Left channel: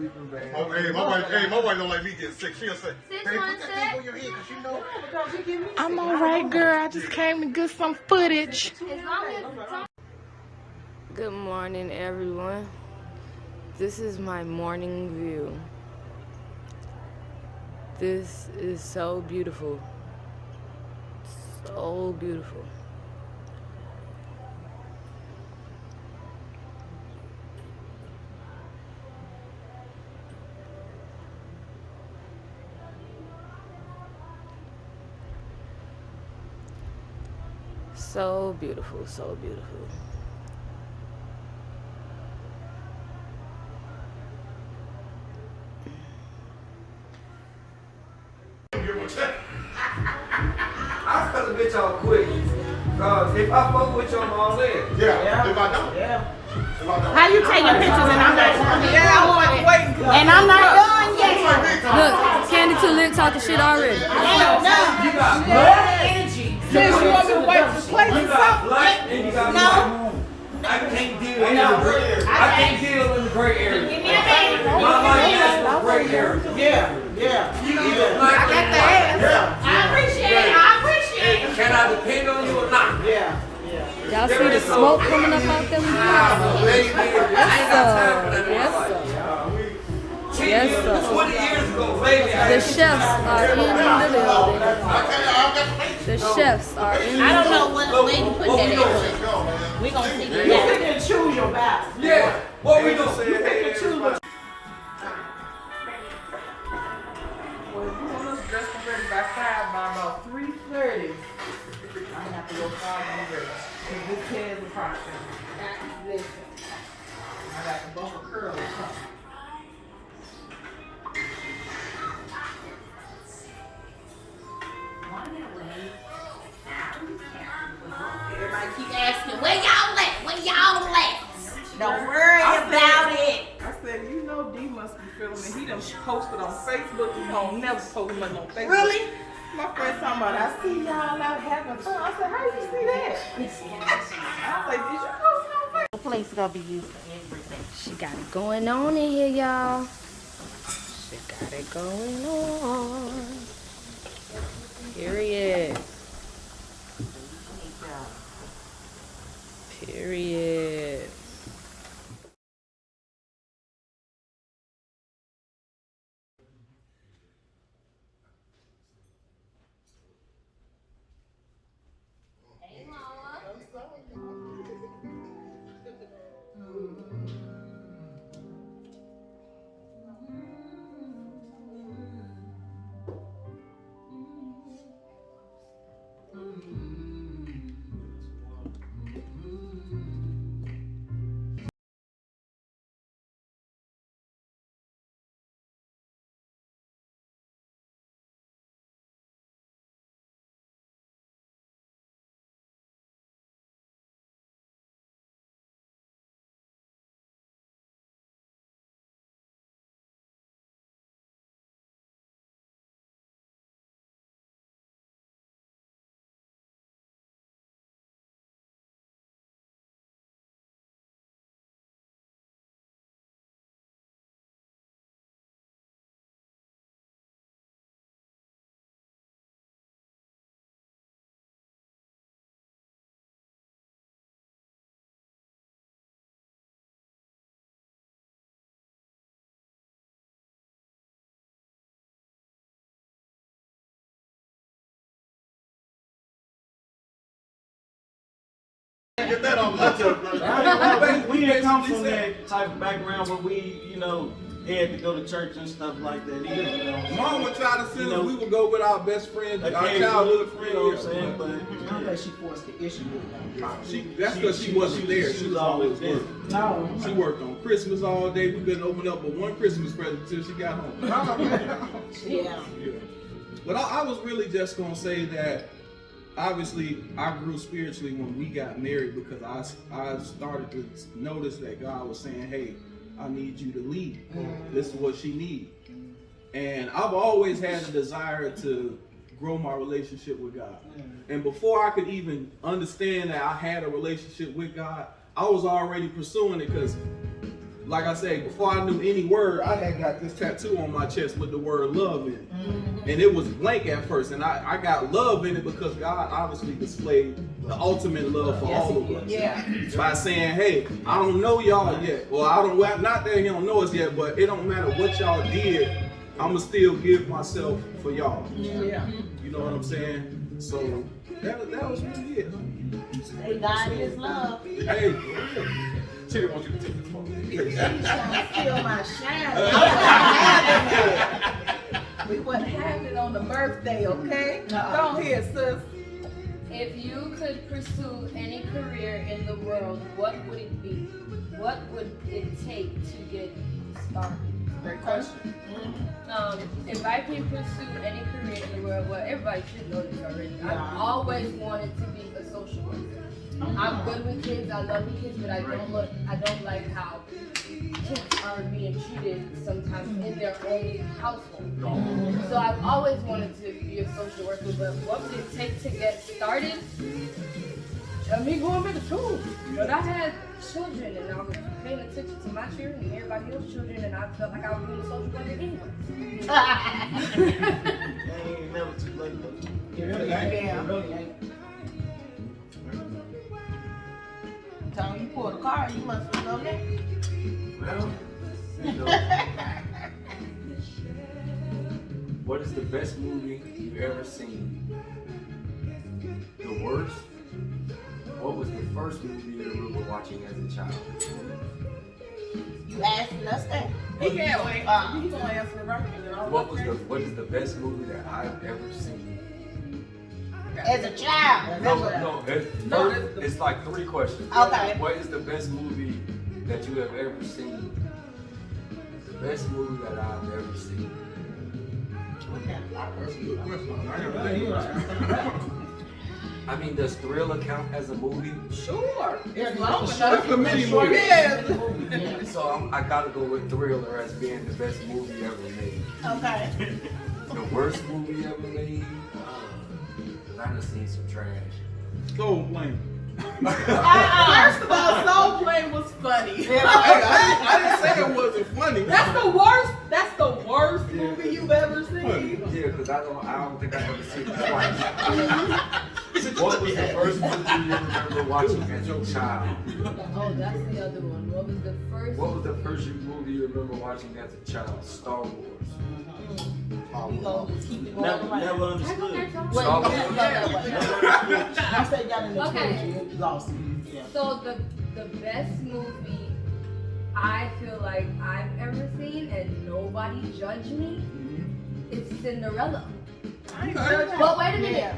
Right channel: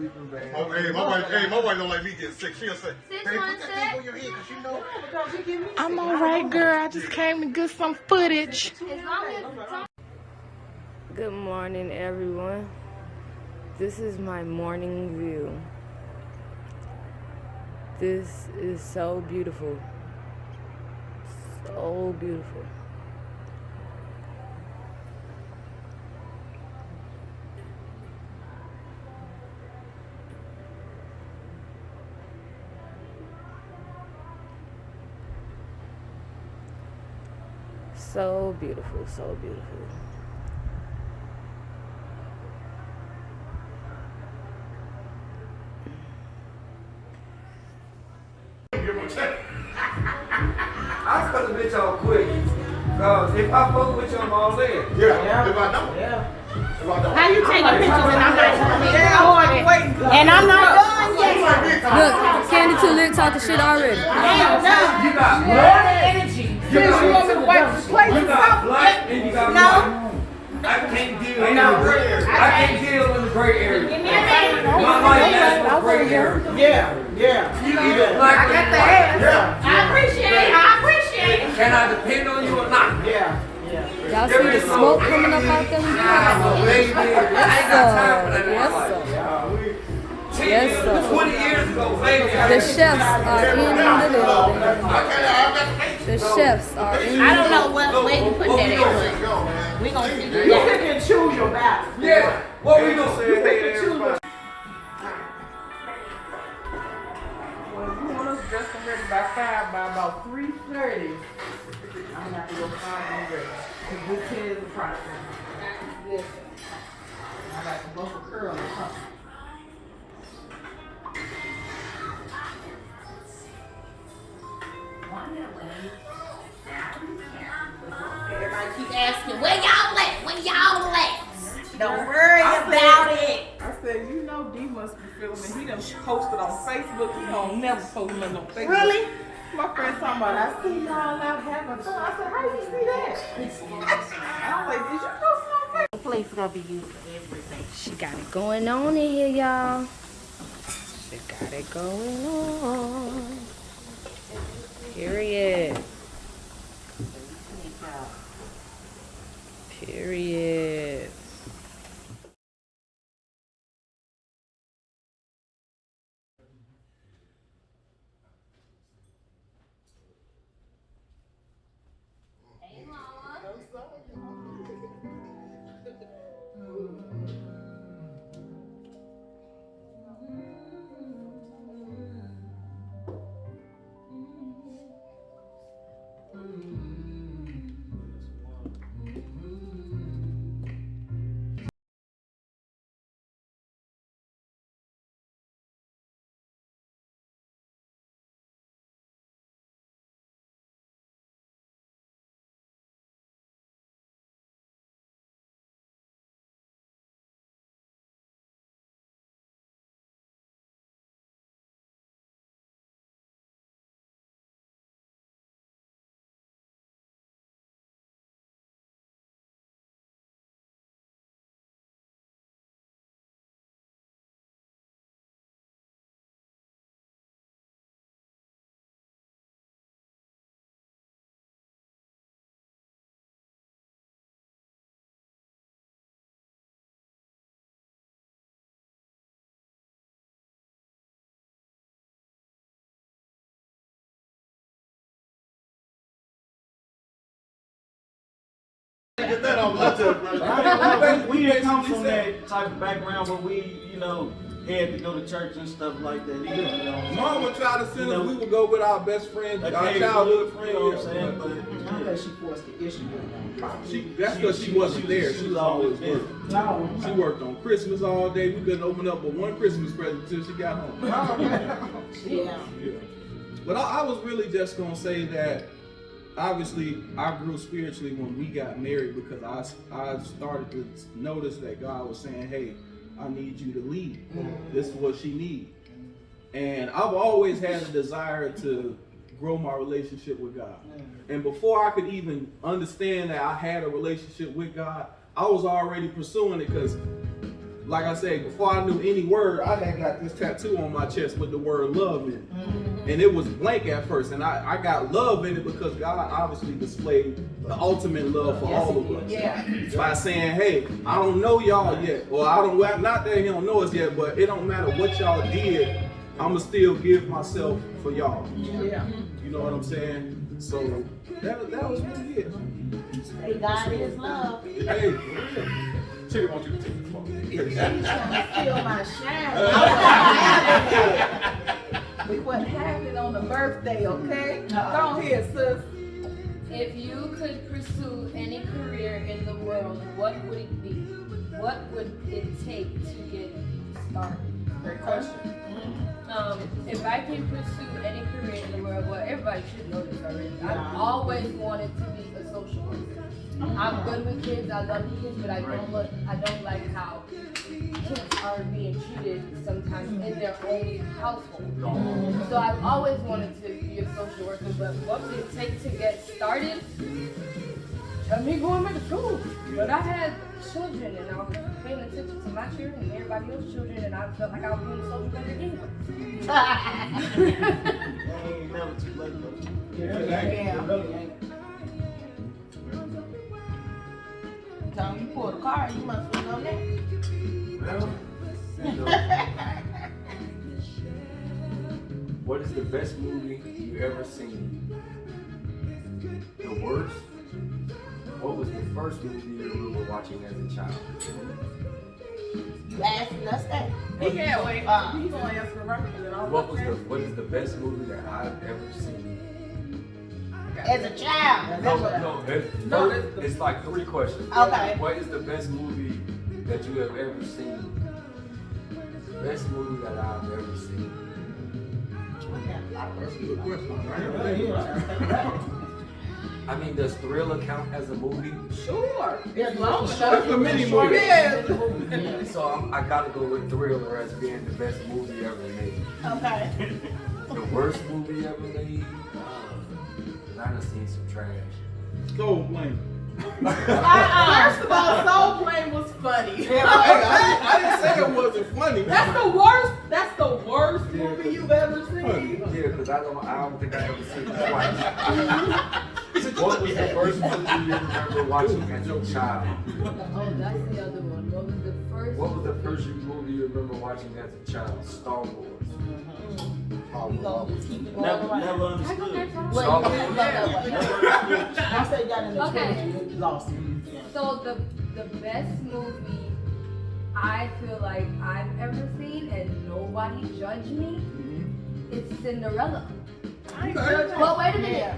sleeping bag. Oh, my wife don't like me getting sick. She'll say, "Hey, put that thing on your head, cause you know." I'm all right, girl. I just came to get some footage. Good morning, everyone. This is my morning view. This is so beautiful. So beautiful. So beautiful, so beautiful. I cut the bitch off quick. Cause if I fuck with you, I'm all in. Yeah. If I don't. Yeah. How you taking pictures and I'm not and I'm not done yet. Look, Candy Too Lit talking shit already. Ain't done. You got blood energy. Since you want to wipe the plate You or got something. blood and you got No. I can't deal with the gray area. I can't deal with the gray area. Give me a hand. My life is the gray area. Yeah. You either black I got the hand. Yeah. I appreciate it. I appreciate it. Can I depend on you or not? Yeah. Y'all see the smoke coming up out there? Yes, sir. Yes, sir. Yes, sir. 20 years ago, baby. The chefs are in the building. The chefs are in the building. I don't know where you put that at, but we gonna figure it out. You can choose your battle. Yeah. What we doing? You pick and choose. Well, if you want us dressed and ready by 5, by about 3:30, I'm gonna have to go 5 and ready. Cause this head is the process. Listen, I got the vocal curl or something. Everybody keep asking, where y'all at? Where y'all at? Don't worry about it. I said, you know D must be feeling me. He done posted on Facebook. He don't never post nothing on Facebook. Really? My friend talking about, I see y'all out having fun. I said, how you see that? I was like, did you post it on Facebook? The place gonna be used for everything. She got it going on in here, y'all. She got it going on. Period. Period. Get that off my chest. We didn't come from that type of background where we, had to go to church and stuff like that either, Mom would try to send us. We would go with our best friend, our Okay, childhood you know what I'm saying? friend. But I don't think she forced the issue with them. That's because she wasn't there. She was always working. No. She worked on Christmas all day. We couldn't open up but one Christmas present until she got home. Yeah. Yeah. But I was really just gonna say that obviously I grew spiritually when we got married because I started to notice that God was saying, hey, I need you to lead. This is what she needs. And I've always had a desire to grow my relationship with God. And before I could even understand that I had a relationship with God, I was already pursuing it because like I said, before I knew any word, I had got this tattoo on my chest with the word love in it. And it was blank at first, and I got love in it because God obviously displayed the ultimate love for all of us. Yeah. By saying, hey, I don't know y'all yet, or I don't, well, not that he don't know us yet, but it don't matter what y'all did, I'ma still give myself for y'all. Yeah. You know what I'm saying? So that was really it. God is love. Hey, Titty want you to take the phone. She's gonna steal my shine. We wasn't having it on the birthday, okay? Go ahead, sis. If you could pursue any career in the world, what would it be? What would it take to get started? Great question. If I can pursue any career in the world, well, everybody should know this already. I've always wanted to be a social worker. I'm good with kids. I love the kids, but I don't like how kids are being treated sometimes in their own household. So I've always wanted to be a social worker, but what would it take to get started? Me going back to school. But I had children and I was paying attention to my children and everybody else's children, and I felt like I was being a social worker anyway. Ain't never too late, though. Tell you pull the car, you must have known that. Well, you know, what is the best movie you've ever seen? The worst? What was the first movie you remember watching as a child? You asking us that? He can't wait. He's gonna answer right, and then I'll What is the best movie that I've ever seen? As a child. It's like 3 questions. Okay. What is the best movie that you have ever seen? The best movie that I've ever seen. that's a good question. I gotta think about it. I mean, does Thriller count as a movie? Sure. It's long enough. That's a mini movie. Yeah. So I gotta go with Thriller as being the best movie ever made. Okay. The worst movie ever made? Cause I done seen some trash. Soul Plane. First of all, Soul Plane was funny. Hey, I didn't say it wasn't funny. That's the worst. That's the worst movie you've ever seen. Yeah, cause I don't think I ever seen it twice. What was the first movie you remember watching as a child? Oh, that's the other one. What was the first? What was the first movie you remember watching as a child? Star Wars. We gonna keep it going Never around. understood. Star Wars. I said y'all in the Okay. trilogy, you lost me. Yeah. So the best movie I feel like I've ever seen, and nobody judge me, is Cinderella. But wait a minute,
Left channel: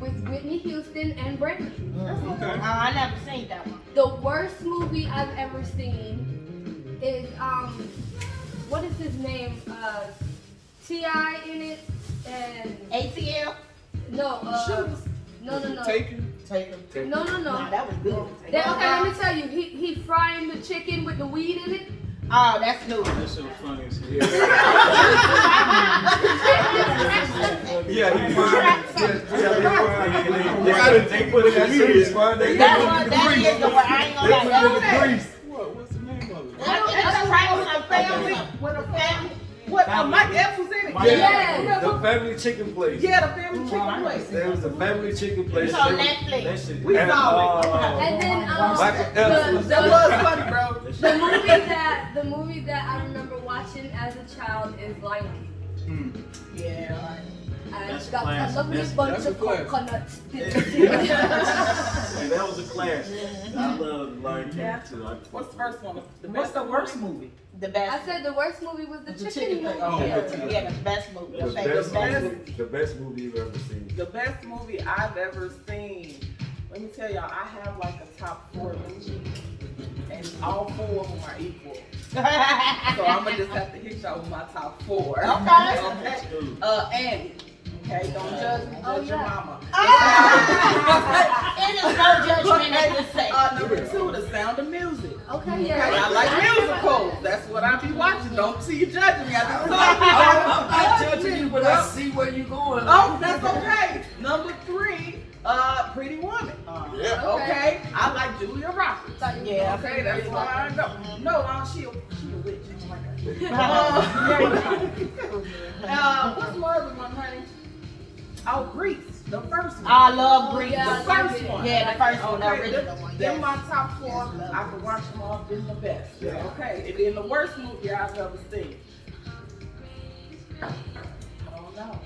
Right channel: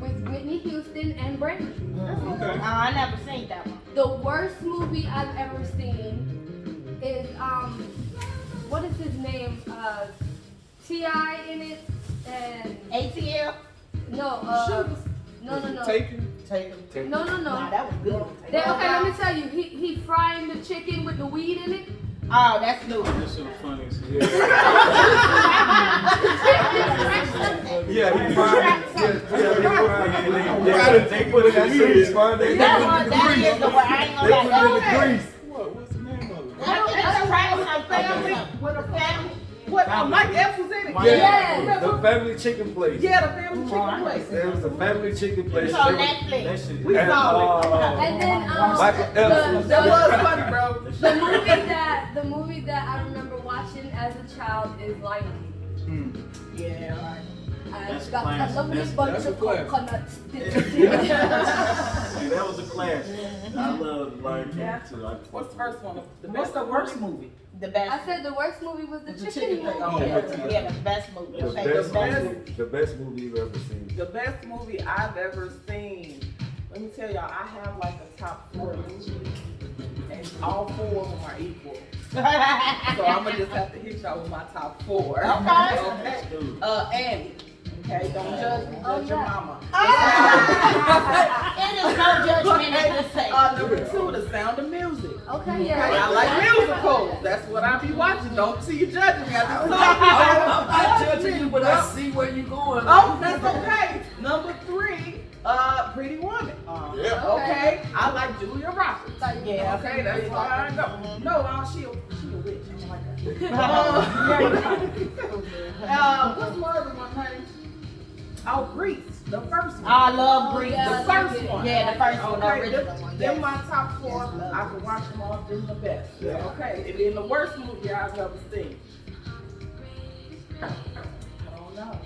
with Whitney Houston and Brandy. Okay. I never seen that one. The worst movie I've ever seen is what is his name? T.I. in it, and ATL? no, no. Taken. Take them. No. Nah, that was good. Okay, let me tell you, he frying the chicken with the weed in it. Oh, that's new. This is the funniest. Yeah, he That one, that is the one. I ain't gonna lie. What's the name of it? That's a right on my family. With a family. What? Mike Epps was in it. Yeah. The family chicken place. Yeah, the family chicken place. There was the family chicken place. It's on Netflix. We saw it. And then Michael Epps. That was funny, bro. the movie that I remember watching as a child is Lion King. Yeah. And That's got classic. a lovely That's- bunch that's a of classic. coconuts. See, that was a class. I love Lion King Yeah. too. What's the first one? What's the worst movie? The best. I said the worst movie was the The chicken place. movie. Oh, yeah, the best movie. The best movie. The best movie you've ever seen. The best movie I've ever seen. Let me tell y'all, I have like a top 4 movies, and all 4 of them are equal. So I'm gonna just have to hit y'all with my top 4. Okay. Okay. Annie. Okay, don't judge me, judge your mama. It is no judgment in this segment. Number 2, The Sound of Music. Okay, Okay, yeah. I like musicals. That's what I be watching. Don't see you judging me. I just I'm not told judging you, but I see where you're going. Oh, that's okay. Number 3, Pretty Woman. Yeah. Okay, I like Julia Roberts. Yeah. Okay, that's why I go. No, she a witch. I don't like that. What's my other one, honey? Oh, Grease, the first one. I love Grease. Yeah, The first one. Yeah, the first one, the Okay, original one. Then my top 4, I can watch them all in the best. Okay, and then the worst movie I've ever seen. I don't know.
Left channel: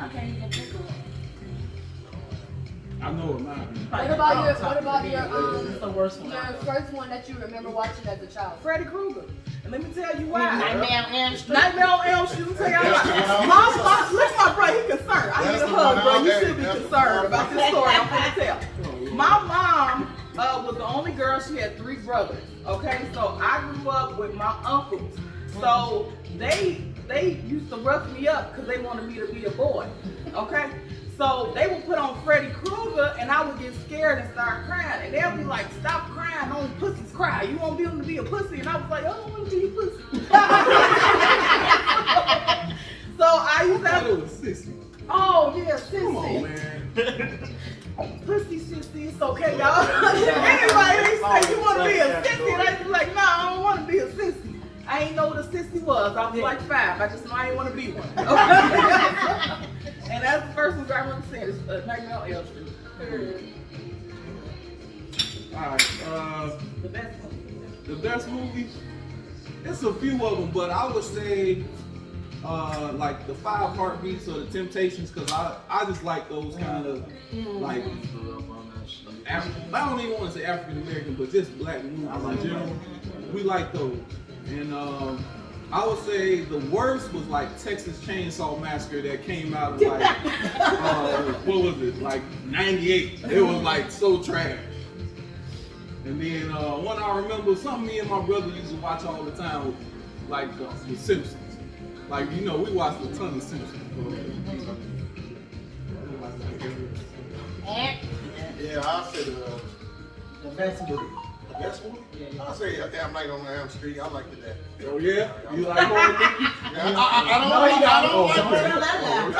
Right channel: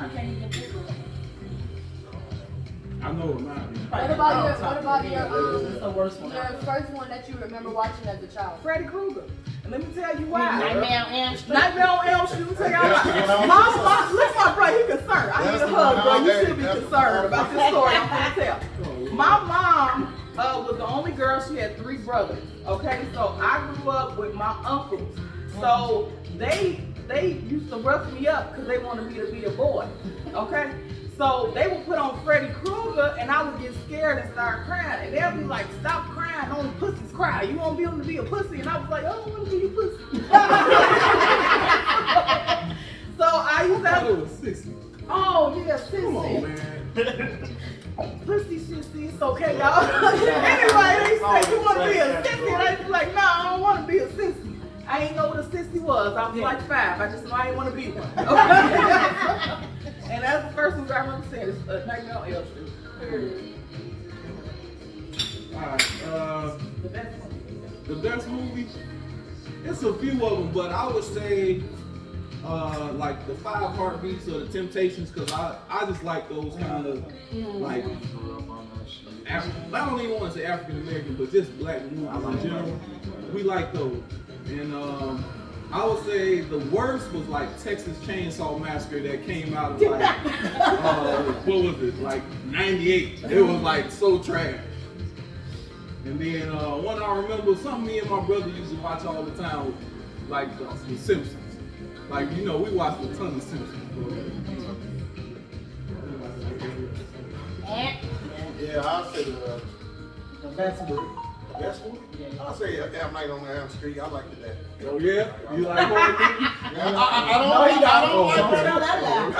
I can't even think of one. I know what mine is. What about your It's the worst one. your first one that you remember watching as a child? Freddy Krueger. And let me tell you why. Nightmare on Elm Street. Nightmare on Elm Street. Let me tell y'all That's the why. one Mom, look, my bro, he concerned. I need That's a the hug, one bro. I You gave. should be That's the concerned one. about this story I'm gonna tell. My mom was the only girl. She had 3 brothers. Okay, so I grew up with my uncles. So they used to rough me up because they wanted me to be a boy. Okay. So they would put on Freddy Krueger and I would get scared and start crying. And they'll be like, stop crying, only pussies cry. You won't be able to be a pussy. And I was like, I don't want to be a pussy. So I used to I thought have, it was 60. oh yeah, sissy. Come on, man. Pussy sissy, it's okay, y'all. Anyway, they say you want to be a sissy. And I was like, no, I don't want to be a sissy. I ain't know what a sissy was. I was like 5. I just know I didn't want to be one. Okay? And that's the first movie I remember seeing. It's Nightmare on Elm Street. Alright, The best one. the best movie? It's a few of them, but I would say like the 5 Heartbeats or the Temptations, because I just like those kind of like I don't even want to say African American, but just black movies in general. We like those. And I would say the worst was like Texas Chainsaw Massacre that came out of like what was it, like 98. It was like so trash. And then one I remember, something me and my brother used to watch all the time, like the Simpsons. Like, you know, we watched a ton of Simpsons. Yeah, I'll say The best movie. the best one. I'll say Nightmare on Elm Street. I like that. Oh yeah? You like horror movies? Yeah, I don't like that. I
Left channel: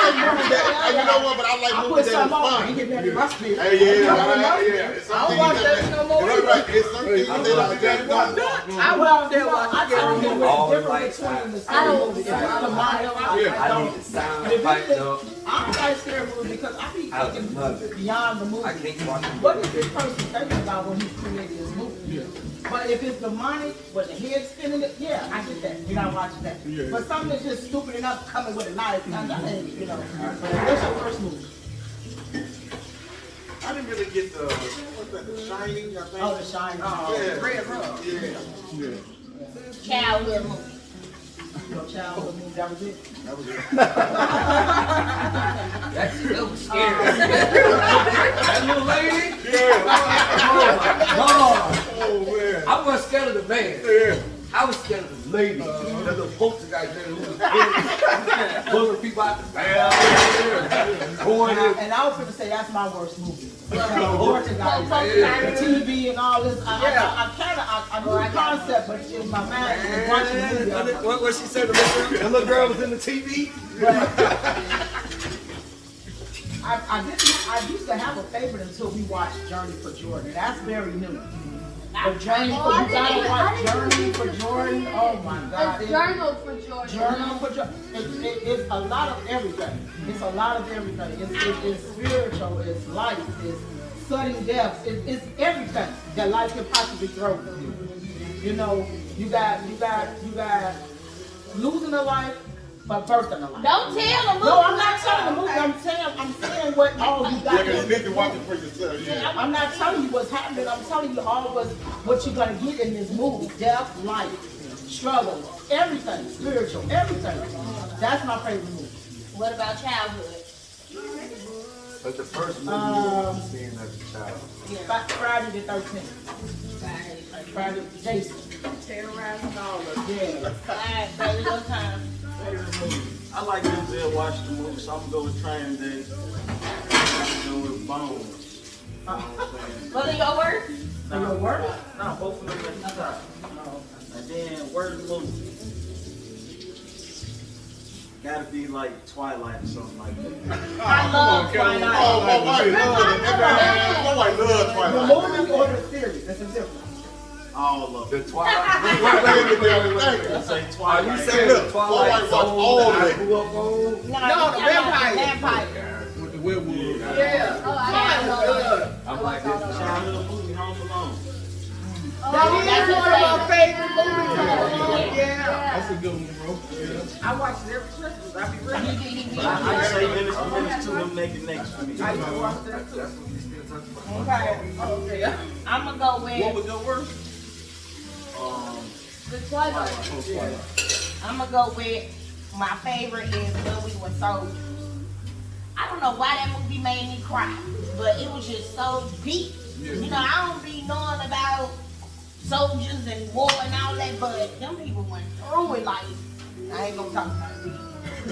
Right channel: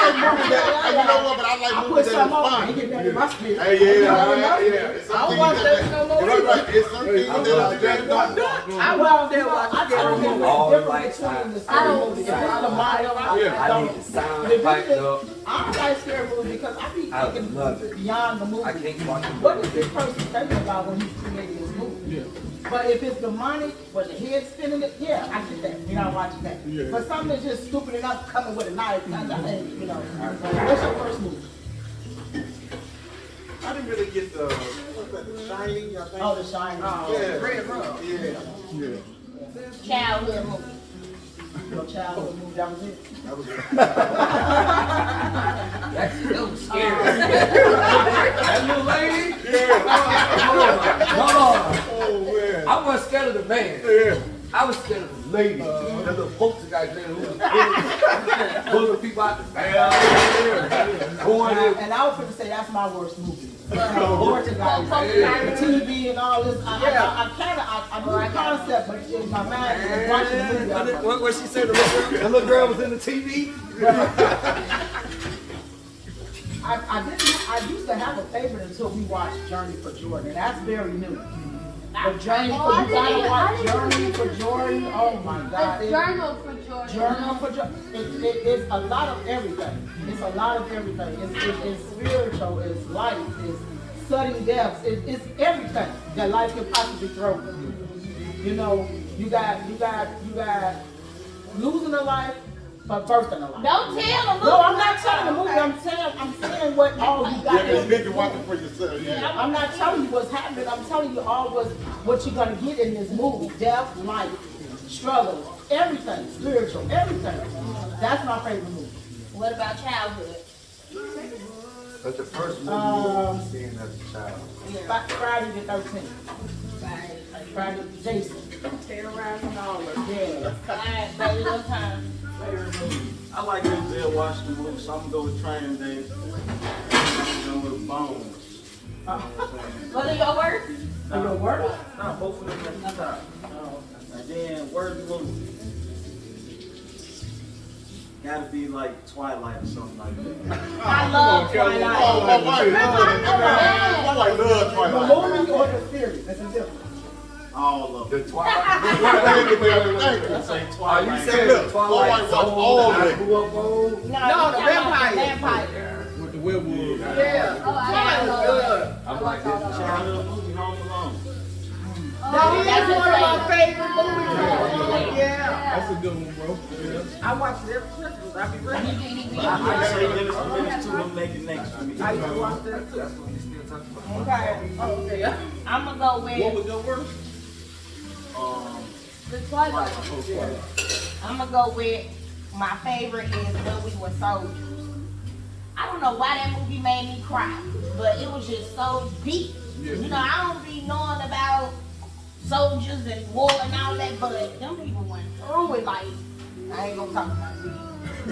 like movies that, you know what, but I like movies that are fun. Hey, yeah. It's I don't something watch that- that no more. Right, right. It's something that you gotta watch. I watched that watch scary movie. All the lights out. I don't. I need the sound piped up. I don't like scary movies because I be I thinking love it. beyond the movie. I can't watch them. What is this person thinking about when he's creating this movie? Yeah. But if it's demonic, when the head spinning it, yeah, I get that. You're not watching that. Yeah. But something that's just stupid enough coming with a knife, kind of, you know. What's your first movie? I didn't really get the, what's that, The Shining, I think. Oh, The Shining. Yeah. Red Rum. Yeah, Yeah. Childhood movie. Your childhood movie, that was it. that was it. That's so scary. That little lady? Yeah. No, Oh man. I wasn't scared of the man. Yeah. I was scared of the lady. That little poster guy there who was pulling people out the back. Going in. And I was going to say that's my worst movie. Poltergeist, the TV and all this. I knew the concept, but in my mind, I was watching the movie. I was like, What she said, the little girl was in the TV? I used to have a favorite until we watched Journey for Jordan. That's very new. The Journey for I you gotta didn't watch even Journey for Jordan. Oh my God. A journal for Jordan. Journal for Jordan. It's a lot of everything. It's a lot of everything. It's spiritual. It's life. It's sudden deaths. It's everything that life could possibly throw. You know, you got losing a life, but birthing a life. Don't tell them. No, I'm not telling the movie. I'm saying what all you got. Yeah, you need to watch it for yourself, yeah. I'm not telling you what's happening. I'm telling you all what you're gonna get in this movie. Death, life, struggle, everything, spiritual, everything. That's my favorite movie. What about childhood? But the first movie you remember seeing as a child. Friday the 13th. Friday, Jason. Terrorizing all of us. Yeah. Alright, baby, what time? I like Denzel Washington movies, so I'm gonna go with Training Day. I'm gonna go with Bones. What are your words? Nah, both of them at the top. And then word of the movie. Gotta be like Twilight or something like that. I love Twilight. I like love The Twilight. movie or the series? That's a difference. All of The them. Twilight. I say Are Twilight. you saying the Twilight Twilight was Zone all that I that. grew up on? No, the vampire. With the werewolves. Yeah. Oh, I know. I'm like this. Childhood movie, Home Alone. That's one of my favorite movies. Yeah. That's a good one, bro. Yeah. I watch it every Christmas. I be ready. But I say Dennis the Menace 2, I'm making next week. I used to watch that too. That's what we still talking about. Okay. Okay. I'm gonna go What with. was your word? The Twilight. Oh, Twilight. I'm gonna go with my favorite is When We Were Soldiers. I don't know why that movie made me cry, but it was just so deep. Yeah. You know, I don't be knowing about soldiers and war and all that, but them people went through it like, I ain't gonna talk about it.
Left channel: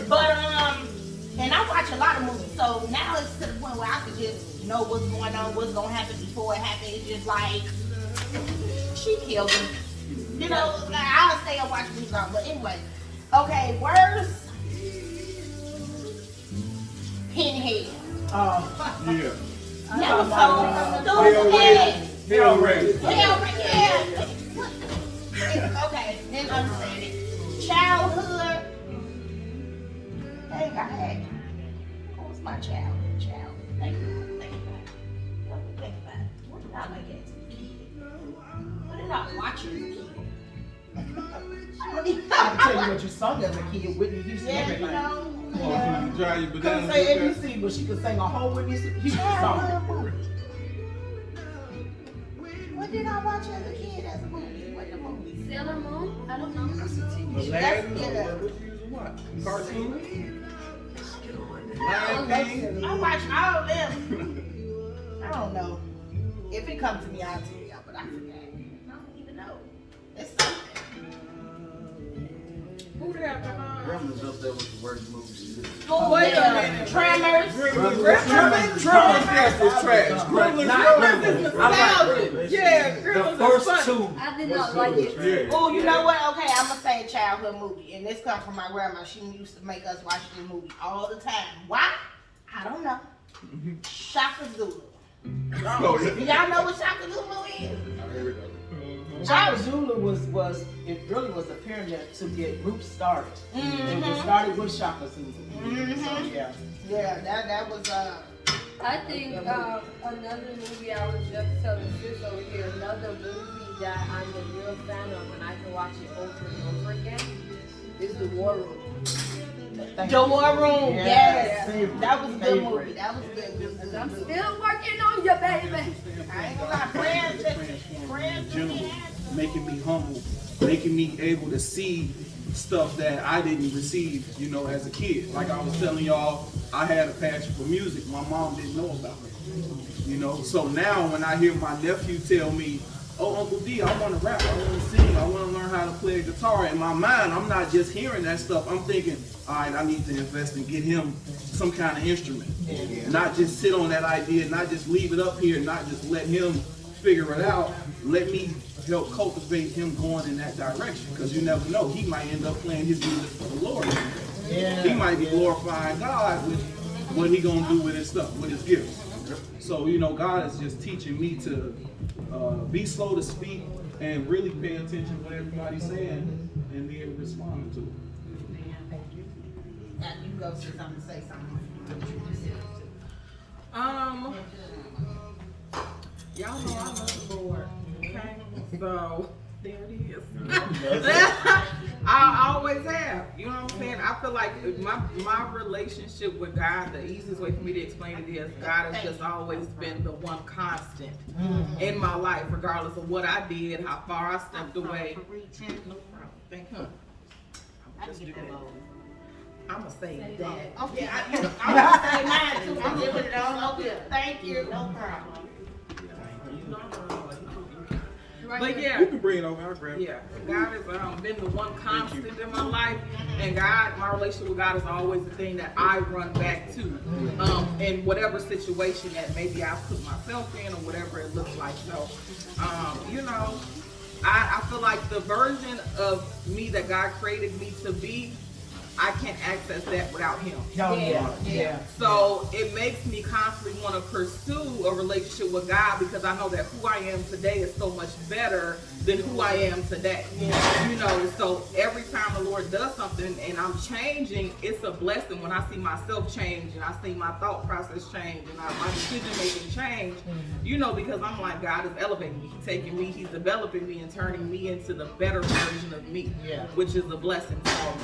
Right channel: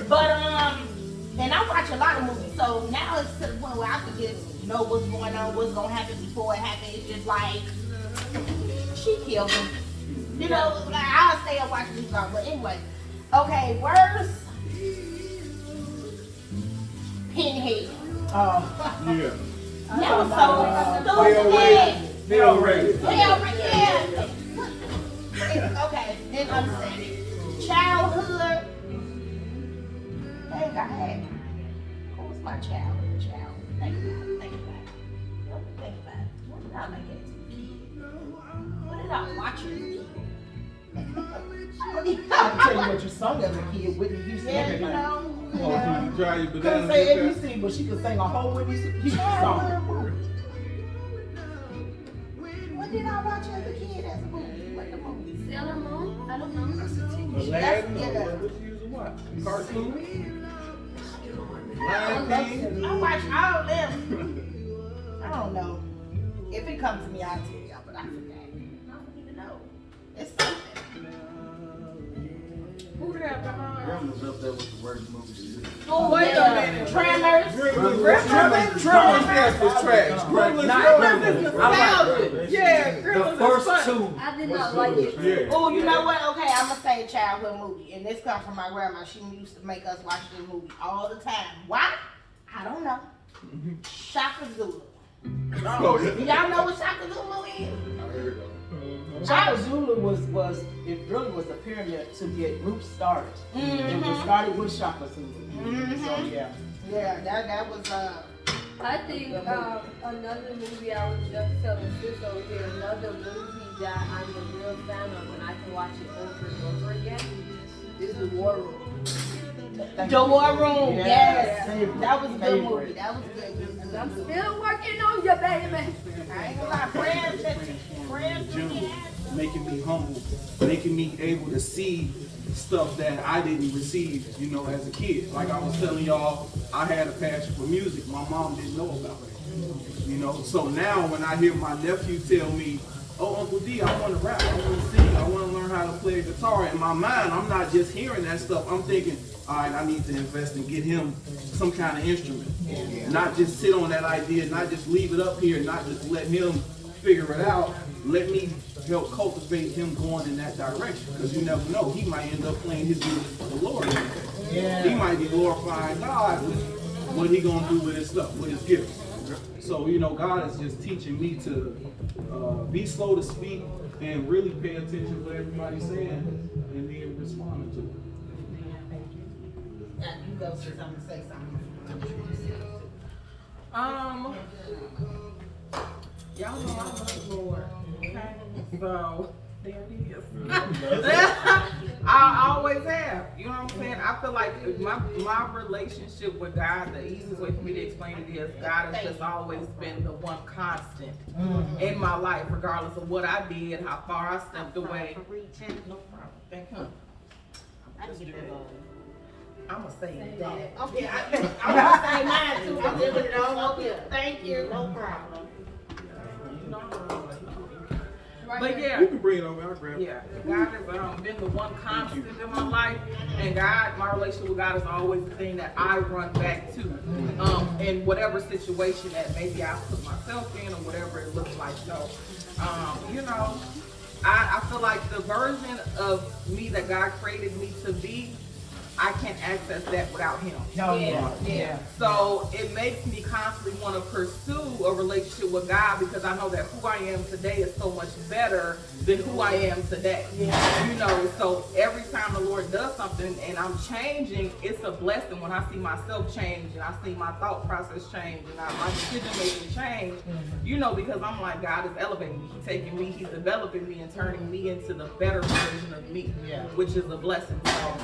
But, and I watch a lot of movies, so now it's to the point where I can just know what's going on, what's gonna happen before it happens. It's just like, she killed him. You know, like, I'll stay up watching movies, but anyway. Okay, worst. Pinhead. Yeah. That was so stupid. Hellraiser. Yeah. Okay, then understand it. Childhood. Think I had. What was my childhood? Think about it. Let me think about it. What did I like as a kid? What did I watch as a kid? I can tell you what you sung as a kid, Whitney Houston. Yeah, you everything. know. Oh, can you dry your Couldn't bananas say with ABC, but she could sing a whole Whitney Houston song. What did I watch as a kid as a movie? What the movie? Sailor Moon? I don't know. that? Aladdin, or what you using what? Cartoon? Lion King? I watch all of them. I don't know. If it comes to me, I'll tell y'all, but I forgot. I don't even know. It's something. Who did have behind? Gremlins up there with the worst movies. Oh, Wait a minute. Tremors. Tremors, yes, it's trash. Gremlins is nostalgia. Yeah, The Gremlins is first funny. two. I did not like it. Yeah. Oh, you know what? Okay, I'm gonna say a childhood movie, and this comes from my grandma. She used to make us watch this movie all the time. Why? I don't know. Shaka Zulu. Oh, yeah. Do y'all know what Shaka Zulu is? Shaka Zulu was it really was a pyramid to get groups started. It was started with Shaka Zulu. So yeah. Yeah, that was I think another movie I was just telling sis over here, another movie that I'm a real fan of and I can watch it over and over again is The War Room. The War Room. Yeah. Yes, Favorite. that was a good Favorite. movie. That was good. And I'm still working on you, baby. I ain't gonna lie, friends to me. Making me humble, making me able to see stuff that I didn't receive, you know, as a kid. Like I was telling y'all, I had a passion for music. My mom didn't know about it. You know, so now when I hear my nephew tell me, oh, Uncle D, I want to rap, I want to sing, I want to learn how to play a guitar. In my mind, I'm not just hearing that stuff. I'm thinking, all right, I need to invest and get him some kind of instrument. Not just sit on that idea, not just leave it up here, not just let him figure it out. Let me help cultivate him going in that direction. Because you never know, he might end up playing his music for the Lord. He might be glorifying God with what he gonna do with his stuff, with his gifts. So, you know, God is just teaching me to be slow to speak and really pay attention to what everybody's saying and be able to respond to it. Now you go sis, I'm gonna say something. Y'all know I love the board. Okay? So, there it is. I always have. You know what I'm saying? I feel like my relationship with God, the easiest way for me to explain it is God has just always been the one constant in my life, regardless of what I did, how far I stepped away. No problem. Thank you. Just do that. I'm gonna say that. Okay, I'm gonna say mine too. I'm gonna put it on over here. Thank you. No problem. You know, But But yeah, You can bring it over. I'll grab it. yeah, God has been the one constant in my life, and God, my relationship with God is always the thing that I run back to, in whatever situation that maybe I put myself in or whatever it looks like. So, you know, I feel like the version of me that God created me to be, I can't access that without Him. Yeah. So it makes me constantly want to pursue a relationship with God because I know that who I am today is so much better than who I am today. You know, so every time the Lord does something and I'm changing, it's a blessing when I see myself change and I see my thought process change and my decision making change. You know, because I'm like, God is elevating me, He's taking me, He's developing me and turning me into the better version of me, which is a blessing. So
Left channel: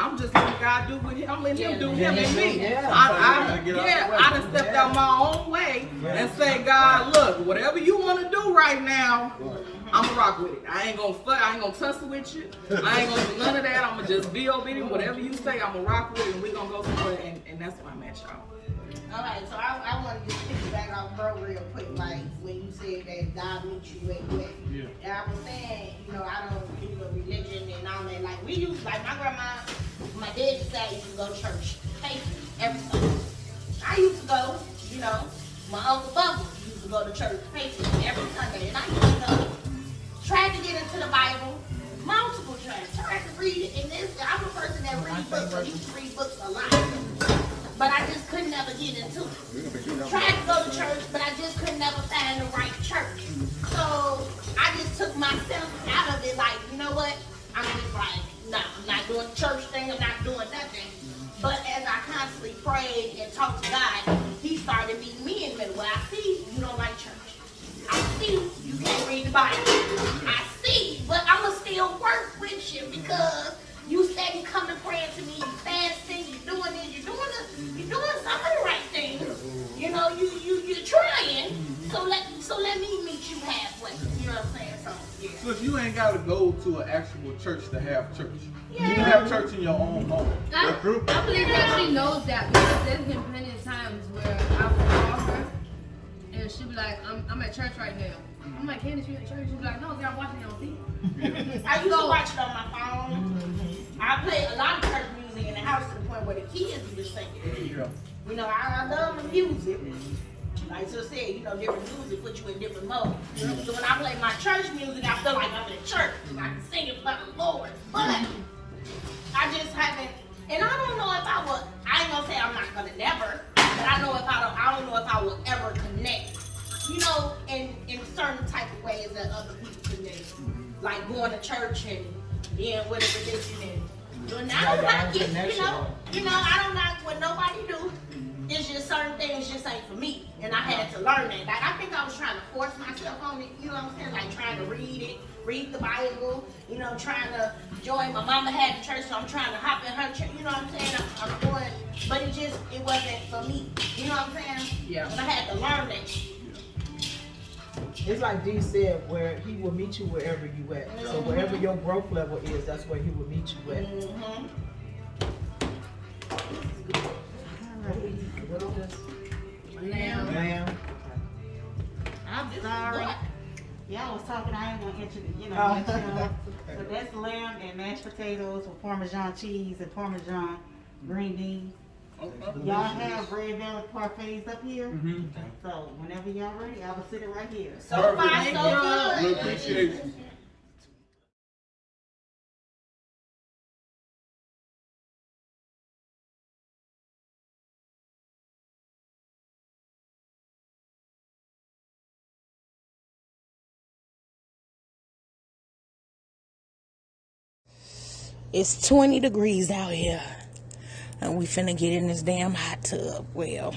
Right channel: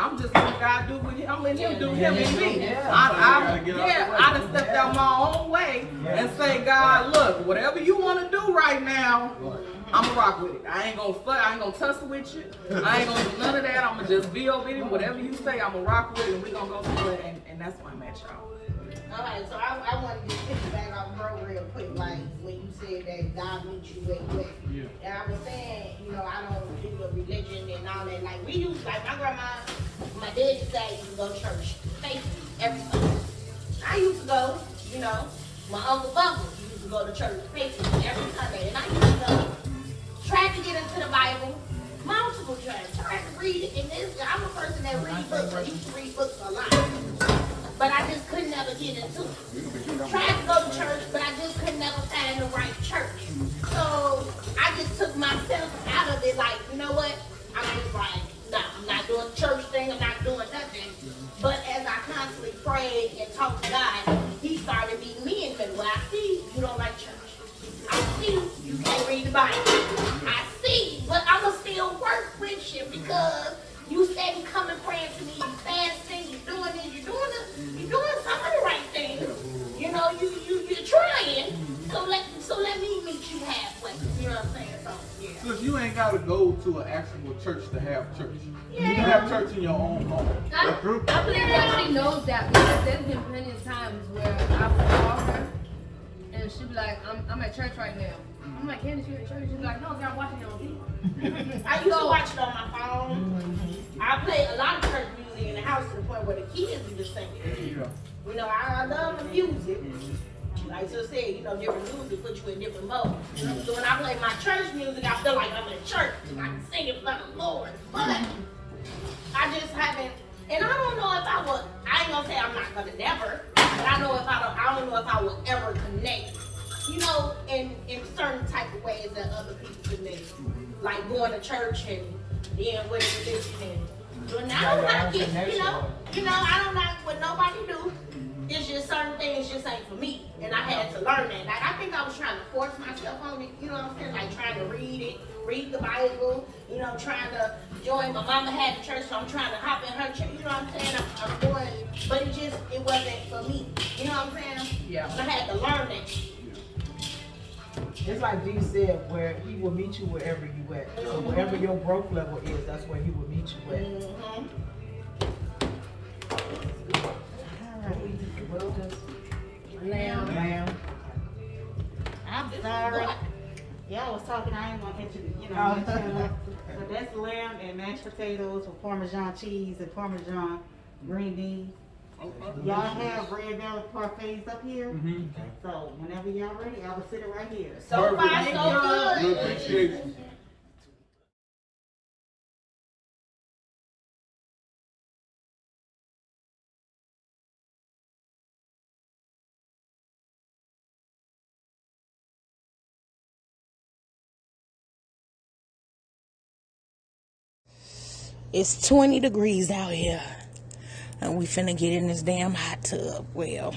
I'm just letting God do what I'm letting Him do Him and me. I done stepped out my own way and say, God, look, whatever you want to do right now, I'm gonna rock with it. I ain't gonna tussle with you. I ain't gonna do none of that. I'm gonna just be obedient. Whatever you say, I'm gonna rock with it, and we're gonna go through it. And that's why I'm at y'all. All right, so I want to just pick back off bro real quick, like when you said that God meets you where you at. And I was saying, you know, I don't do the religion and all that. Like we used, like my grandma, my dad said used to go to church faithfully every Sunday. I used to go, you know, my uncle Bubba used to go to church faithfully every Sunday, and I used to try to get into the Bible multiple times, try to read it. And this, I'm a person that reads books. I used to read books a lot. But I just couldn't never get into it. Tried to go to church, but I just could never find the right church. So I just took myself out of it, like, you know what? I'm just like, nah, I'm not doing the church thing, I'm not doing nothing. But as I constantly prayed and talked to God, He started meeting me in the middle. Well, I see you don't like church. I see you can't read the Bible. I see, but I'ma still work with you because you said you come and praying to me, you fasting, you're doing this, you're doing some of the right things. You know, you're trying. So let me meet you halfway. You know what I'm saying? So yeah. Because you ain't got to go to an actual church to have church. You can have church in your own home. I believe that she knows that because there's been plenty of times where I would call her and she'd be like, I'm at church right now. I'm like, Candace, you at church? She'd be like, no, I'm watching it on TV. I used to watch it on my phone. I play a lot of church music in the house to the point where the kids do the same. You know, I love the music. Like I said, you know, different music put you in different modes. So when I play my church music, I feel like I'm in church. I can sing it for the Lord. But I just haven't, and I don't know if I would, I ain't gonna say I'm not gonna never, but I know if I don't know if I will ever connect, you know, in certain type of ways that other people connect. Like going to church and being with a religion and I don't knock it, you know, I don't knock what nobody do. It's just certain things just ain't for me. And I had to learn that. Like I think I was trying to force myself on it, you know what I'm saying? Like trying to read the Bible, you know, trying to join. My mama had a church, so I'm trying to hop in her church, you know what I'm saying? I'm going, but it wasn't for me. You know what I'm saying? Yeah. And I had to learn that. It's like Dee said, where He will meet you wherever you at. So wherever your growth level is, that's where He will meet you at. Lamb. I'm sorry. Y'all was talking, I ain't gonna enter the, you know. So that's lamb and mashed potatoes with Parmesan cheese and Parmesan green beans. Y'all have red velvet parfaits up here. So whenever y'all ready, I will sit it right here. So far, so good. Appreciate you. It's 20 degrees out here, and we finna get in this damn hot tub. Well,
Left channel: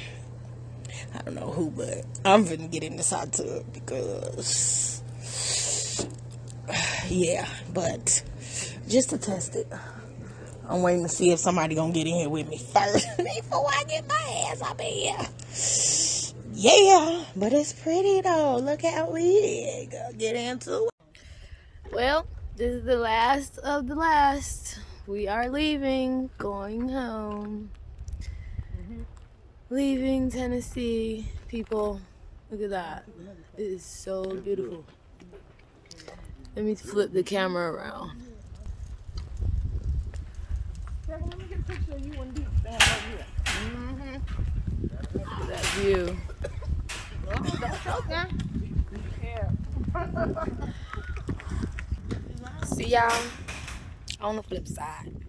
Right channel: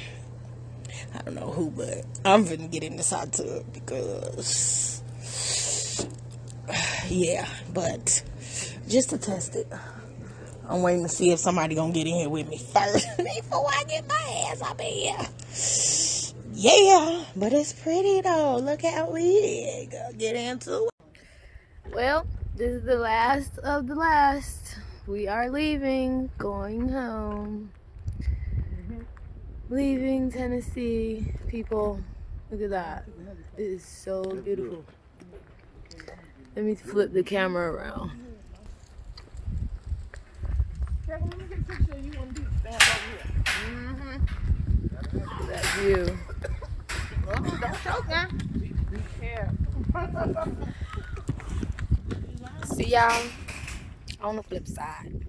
I don't know who, but I'm finna get in this hot tub because, yeah, but just to test it. I'm waiting to see if somebody gonna get in here with me first before I get my ass up in here. Yeah, but it's pretty though. Look how we get into it. Well, this is the last of the last. We are leaving, going home. Leaving Tennessee. People, look at that. It is so beautiful. Let me flip the camera around. Look at that view. See y'all on the flip side.